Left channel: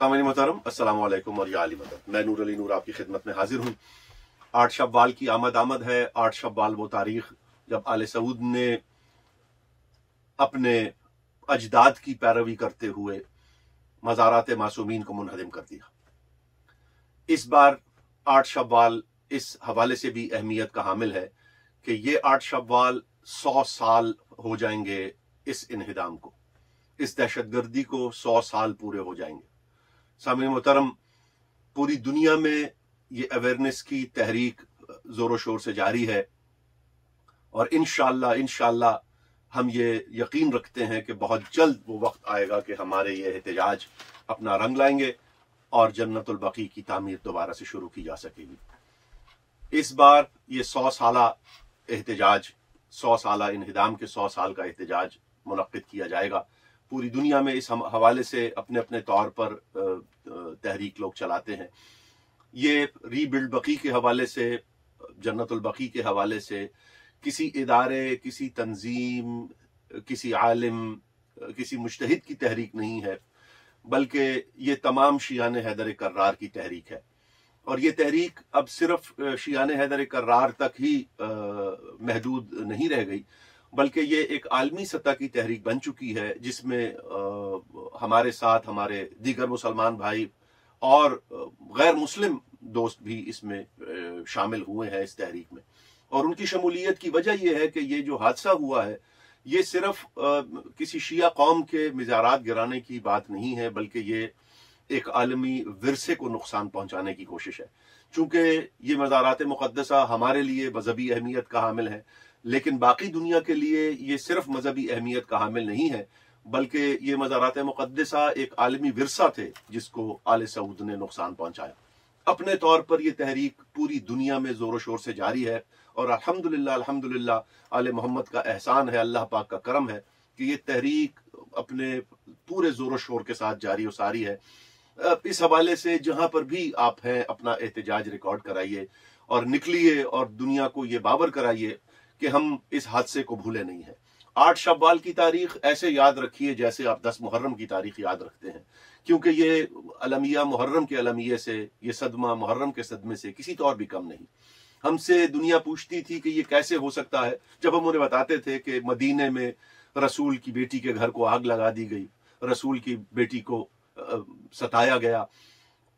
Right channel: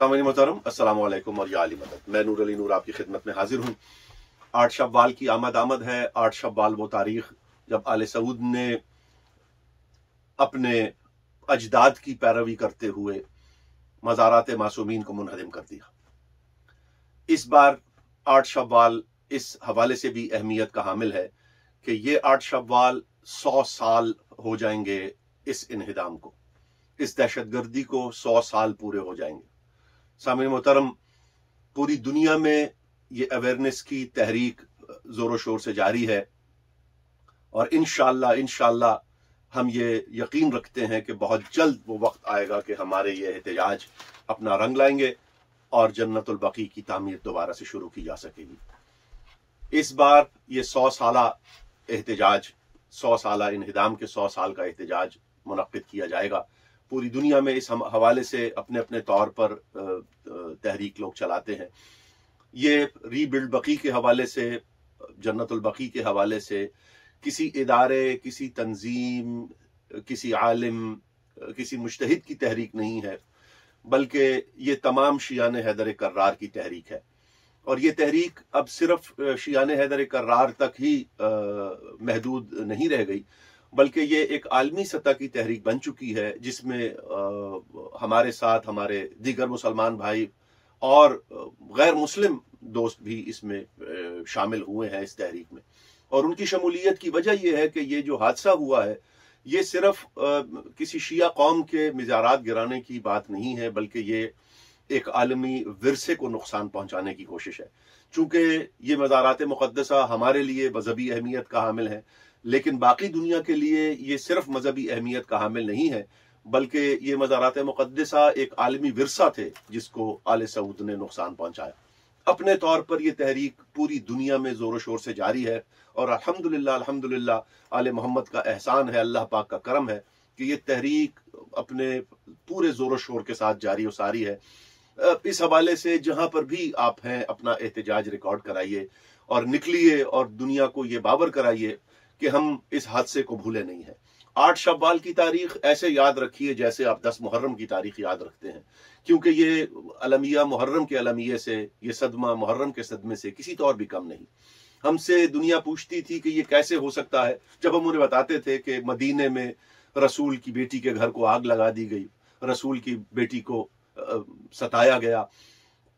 सामान्य मोहतरम अस्सलाम वालेकुम और या अली मदद। मैं नूर अली नूर आपकी खिदमत में हाजिर हूँ। 8 शव्वाल की आमद है। 8 शव्वाल वो तारीख जब आले सऊद ने अपने अजदाद की पैरवी करते हुए मज़ारात मासूमीन को मुनहदिम कर दिया। इस बार 8 शव्वाल इस हवाले से भी अहमियत का हामिल है कि ये 8 शव्वाल 100 साल हो जाएंगे इस इन्हिदाम को, इस दहशतगर्दी को 100 साल पूरे हो जाएंगे। सामईन मोहतरम, पूरी दुनिया में ये अवेयरनेस की तहरीक जोरों शोर से जारी है और इंशाअल्लाह हम ये यकीन रखते हैं कि बहुत जल्द वो वक्त आएगा कि हमारे ये एहतजाज अपना रंग लाएंगे और जन्नतुल बकी की तामीर दोबारा से शुरू की जा सकेगी। इस बार ये 100 साला एहतजाज, 100 साला इन्हिदाम के 100 साल का एहतजाज मुनक्किद किया जाएगा। पूरी दुनिया में इस हवाले से अपने अपने तौर पर तहरीक लोग चलाते हैं। ये रीबिल्ड बकी के हवाले से, जन्नतुल बकी के हवाले से किसी इदारे, किसी तंजीम, किसी आलिम, किसी मुज्तहिद की तहरीक नहीं है, बल्कि ये तमाम शियाने हैदर कर्रार की तहरीक है। और ये तहरीक अब सिर्फ शियाने हैदर कर्रार तक ही महदूद नहीं रह गई, बल्कि ये एक आलमी सतह की तहरीक बन चुकी है, जिसमें हमारे साथ हमारे दीगर मुसलमान भाई और गैर मुस्लिम दोस्त भी इसमें शामिल हुए हैं इस तहरीक में। और उनकी शमूलियत की वजह यह है कि ये जो हादसा हुआ है ये सिर्फ किसी शिया कौम के मिज़ारात गिराने की बात नहीं है, बल्कि ये एक आलमी विरसे को नुकसान पहुंचाने की कोशिश है। चूंकि ये मज़ारात मुक़द्दसा हमारे लिए मजहबी अहमियत का हामिल है, लेकिन बाकी दुनिया के लिए ये सिर्फ मजहबी अहमियत का हामिल नहीं है, बल्कि ये मज़ारात मुक़द्दसा एक आलमी विरसा थे जिसको आले सऊद ने नुकसान पहुंचाया। अपने तौर पर यह तहरीक पूरी दुनिया में जोरों शोर से जारी है और अल्हम्दुलिल्लाह आले मोहम्मद का एहसान है, अल्लाह पाक का करम है कि ये तहरीक अपने पूरे जोरों शोर के साथ जारी और सारी है। इस हवाले से जहां पर भी आप हैं, अपना एहतजाज रिकॉर्ड कराइए और निकलिए और दुनिया को ये बावर कराइए कि हम इस हादसे को भूले नहीं हैं। 8 शव्वाल की तारीख ऐसे याद रखिए जैसे आप 10 मुहर्रम की तारीख याद रखते हैं, क्योंकि ये अलमिया मुहर्रम के अलमिये से, ये सदमा मुहर्रम के सदमे से किसी तौर भी कम नहीं। हमसे दुनिया पूछती थी कि ये कैसे हो सकता है, जब हम उन्हें बताते थे कि मदीने में रसूल की बेटी के घर को आग लगा दी गई, रसूल की बेटी को सताया गया,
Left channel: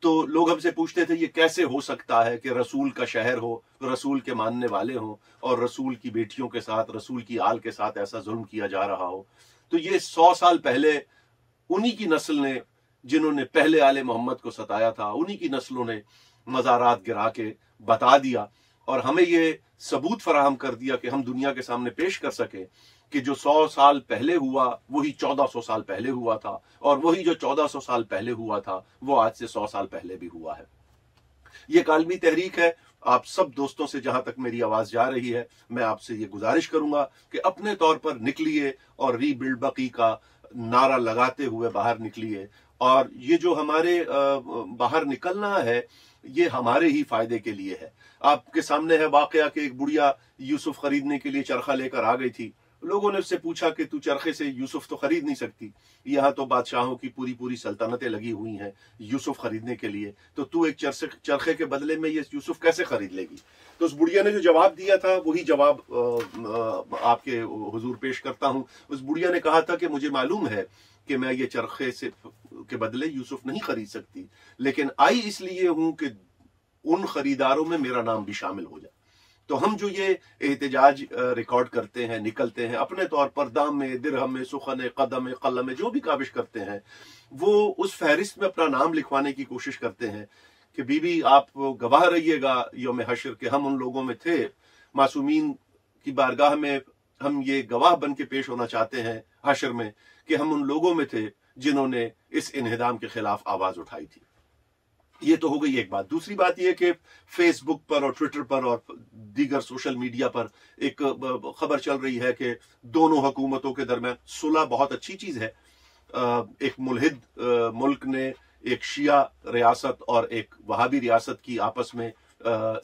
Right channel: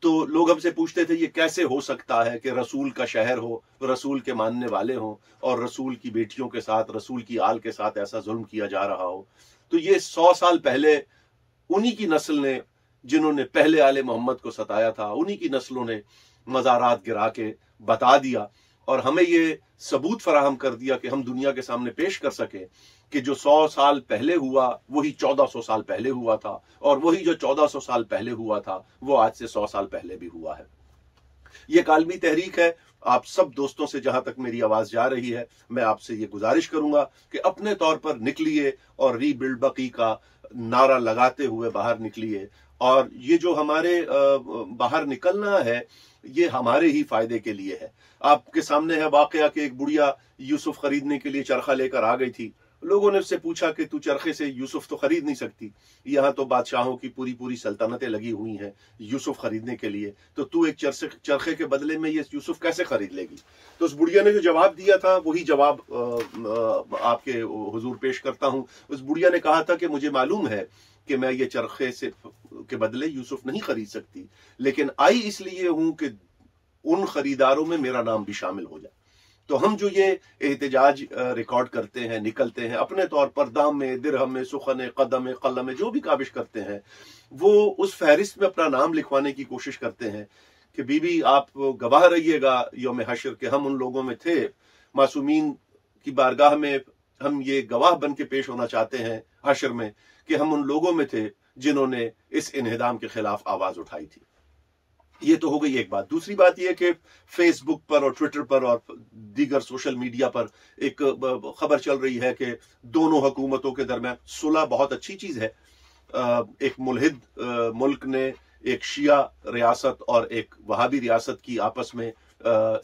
तो लोग हमसे पूछते थे ये कैसे हो सकता है कि रसूल का शहर हो, रसूल के मानने वाले हों और रसूल की बेटियों के साथ, रसूल की आल के साथ ऐसा जुल्म किया जा रहा हो। तो ये 100 साल पहले उन्हीं की नस्ल ने, जिन्होंने पहले आले मोहम्मद को सताया था, उन्हीं की नस्लों ने मज़ारात गिरा के बता दिया और हमें ये सबूत फराहम कर दिया कि हम दुनिया के सामने पेश कर सकें कि जो 100 साल पहले हुआ वही 1400 साल पहले हुआ था, और वही जो 1400 साल पहले हुआ था वो आज से 100 साल पहले भी हुआ है। ये कालमी तहरीक है। आप सब दोस्तों से, जहां तक मेरी आवाज जा रही है, मैं आपसे ये गुजारिश करूंगा कि अपने तौर पर निकलिए और रीबिल्ड बकी का नारा लगाते हुए बाहर निकलिए। और ये जो हमारे बाहर निकलना है ये हमारे ही फायदे के लिए है। आपके सामने है वाकया कि एक बुढ़िया यूसुफ खरीदने के लिए चरखा लेकर आ गई थी। लोगों ने उससे पूछा कि तू चरखे से यूसुफ तो खरीद नहीं सकती, यहाँ तो बादशाहों की पूरी पूरी सल्तनतें लगी हुई हैं यूसुफ खरीदने के लिए, तो तू एक चरखे के बदले में ये यूसुफ कैसे खरीद लेगी। तो उस बुढ़िया ने जो जवाब दिया था वही जवाब आपके हुजूर पेश करता हूं। उस बुढ़िया ने कहा था कि मुझे मालूम है कि मैं ये चरखे से के बदले यूसुफ नहीं खरीद सकती, लेकिन आई इसलिए हूं कि उन खरीदारों में मेरा नाम भी शामिल हो जाए। तो हम जो ये एहतजाज रिकॉर्ड करते हैं, निकलते हैं, अपने तौर पर दाम में, दिरहम में, सुखन, कदम में, कलम में जो भी काबिश करते हैं, वो उस फहरिस्त में अपना नाम लिखवाने की कोशिश करते हैं कि बीबी आप गवाह रहिएगा यौम हशर के हम उन लोगों में थे। मासूमीन की बारगाह में हम ये गवाह बन के पेश होना चाहते हैं हशर में कि हम उन लोगों में थे जिन्होंने इस इन्हिदाम के खिलाफ आवाज उठाई थी। ये तो हो गई एक बात। दूसरी बात यह कि फेसबुक पर और ट्विटर पर और दीगर सोशल मीडिया पर एक खबर चल रही है कि दोनों हुकूमतों के दरमियान सुलह बहुत अच्छी चीज है। एक मुल्हिद मुल्क ने एक शिया रियासत और एक वहाबी रियासत की आपस में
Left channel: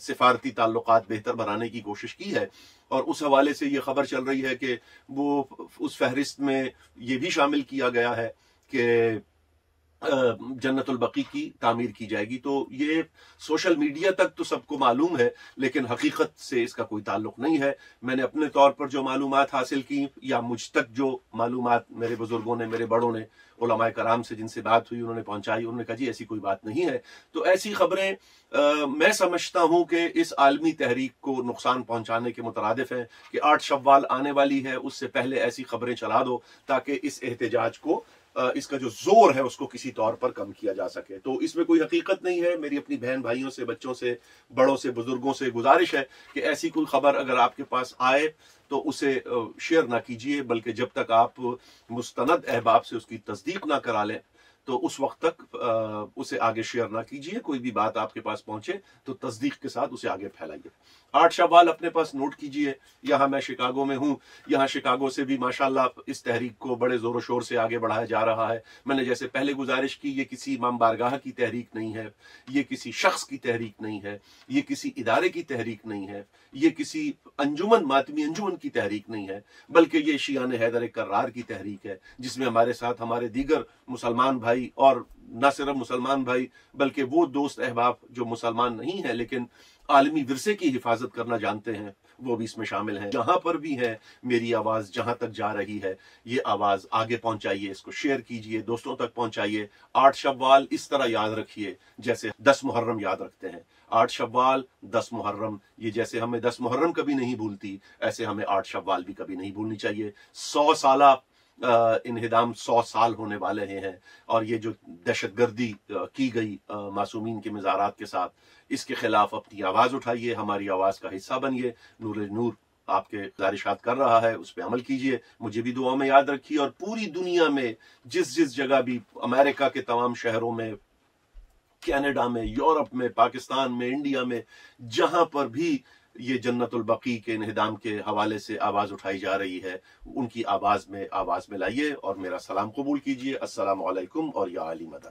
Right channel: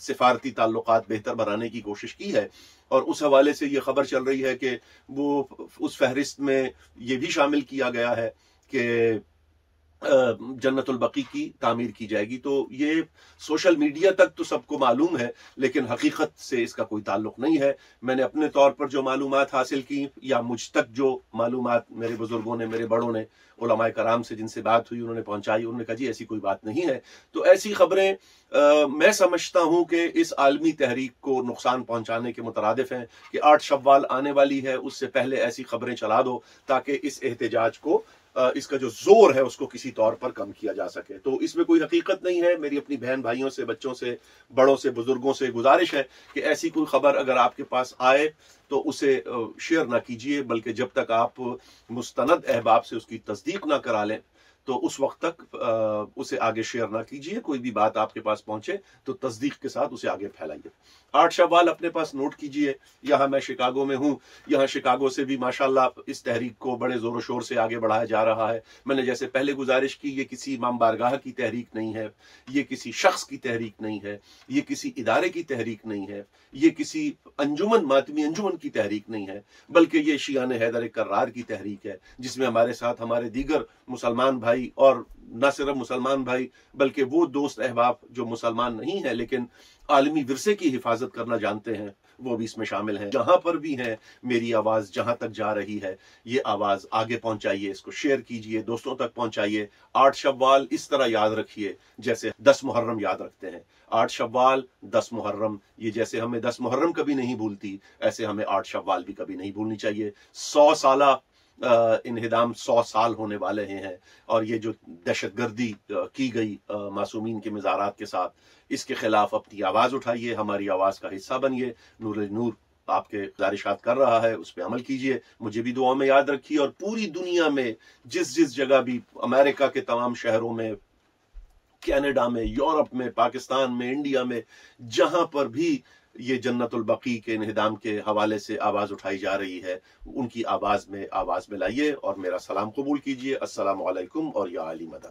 सिफारती ताल्लुकात बेहतर बनाने की कोशिश की है, और उस हवाले से ये खबर चल रही है कि वो उस फहरिस्त में ये भी शामिल किया गया है कि जन्नतुल बकी की तामीर की जाएगी। तो ये सोशल मीडिया तक तो सबको मालूम है, लेकिन हकीकत से इसका कोई ताल्लुक नहीं है। मैंने अपने तौर पर जो मालूमात हासिल की, या मुझ तक जो मालूमात मेरे बुजुर्गों ने, मेरे बड़ों ने, उलमाए कराम से जिनसे बात हुई, उन्होंने पहुंचाई, उन्होंने कहा जी ऐसी कोई बात नहीं है। तो ऐसी खबरें मैं समझता हूं कि इस आलमी तहरीक को नुकसान पहुंचाने के मुतरादिफ हैं कि 8 शव्वाल आने वाली है, उससे पहले ऐसी खबरें चला दो ताकि इस एहतजाज को, इसका जो जोर है उसको किसी तौर पर कम किया जा सके। तो इसमें कोई हकीकत नहीं है। मेरी अपनी बहन भाइयों से, बच्चों से, बड़ों से, बुजुर्गों से गुजारिश है कि ऐसी कोई खबर अगर आपके पास आए तो उसे शेयर ना कीजिए, बल्कि जब तक आप मुस्तनद अहबाब से उसकी तस्दीक ना करा लें तो उस वक्त तक उसे आगे शेयर ना कीजिए। कोई भी बात आपके पास पहुंचे तो तस्दीक के साथ उसे आगे फैलाइए। 8 शव्वाल अपने पास नोट कीजिए। यहाँ मैं शिकागो में हूँ, यहाँ शिकागो से भी माशाल्लाह इस तहरीक को बड़े जोर शोर से आगे बढ़ाया जा रहा है। मैंने जैसे पहले गुजारिश की, ये किसी इमाम बारगाह की तहरीक नहीं है, ये किसी शख्स की तहरीक नहीं है, ये किसी इदारे की तहरीक नहीं है, ये किसी अंजुमन, मातमी अंजुमन की तहरीक नहीं है, बल्कि ये शियान हैदर कर्रार की तहरीक है, जिसमें हमारे साथ हमारे दीगर मुसलमान भाई, और न सिर्फ मुसलमान भाई बल्कि वो दोस्त अहबाब जो मुसलमान नहीं है लेकिन आलमी विरसे की हिफाजत करना जानते हैं, वो भी इसमें शामिल हैं। जहां पर भी है मेरी आवाज जहां तक जा रही है, ये आवाज आगे पहुंचाइए, इसको शेयर कीजिए, दोस्तों तक पहुंचाइए। 8 शव्वाल इस तरह याद रखिए जैसे 10 मुहर्रम याद रखते हैं। 8 शव्वाल, 10 मुहर्रम, ये जैसे हमें 10 मुहर्रम कभी नहीं भूलती, ऐसे हमें 8 शव्वाल भी कभी नहीं भूलनी चाहिए। 100 साला इन्हिदाम 100 साल होने वाले हैं, और ये जो दहशतगर्दी की गई मासूमीन के मज़ारात के साथ, इसके खिलाफ अपनी आवाज़ उठाइए, हमारी आवाज़ का हिस्सा बनिए। नूर आपके गुजारिशात कर रहा है, उस पर अमल कीजिए, मुझे भी दुआ में याद रखिए। और पूरी दुनिया में जिस जिस जगह भी, अमेरिका के तमाम शहरों में, कनाडा में, यूरोप में, पाकिस्तान में, इंडिया में, जहां पर भी ये जन्नतुल बकी के इन्हिदाम के हवाले से आवाज उठाई जा रही है, उनकी आवाज में लाइए और मेरा सलाम कबूल कीजिए। अस्सलामु अलैकुम और या अली मदद।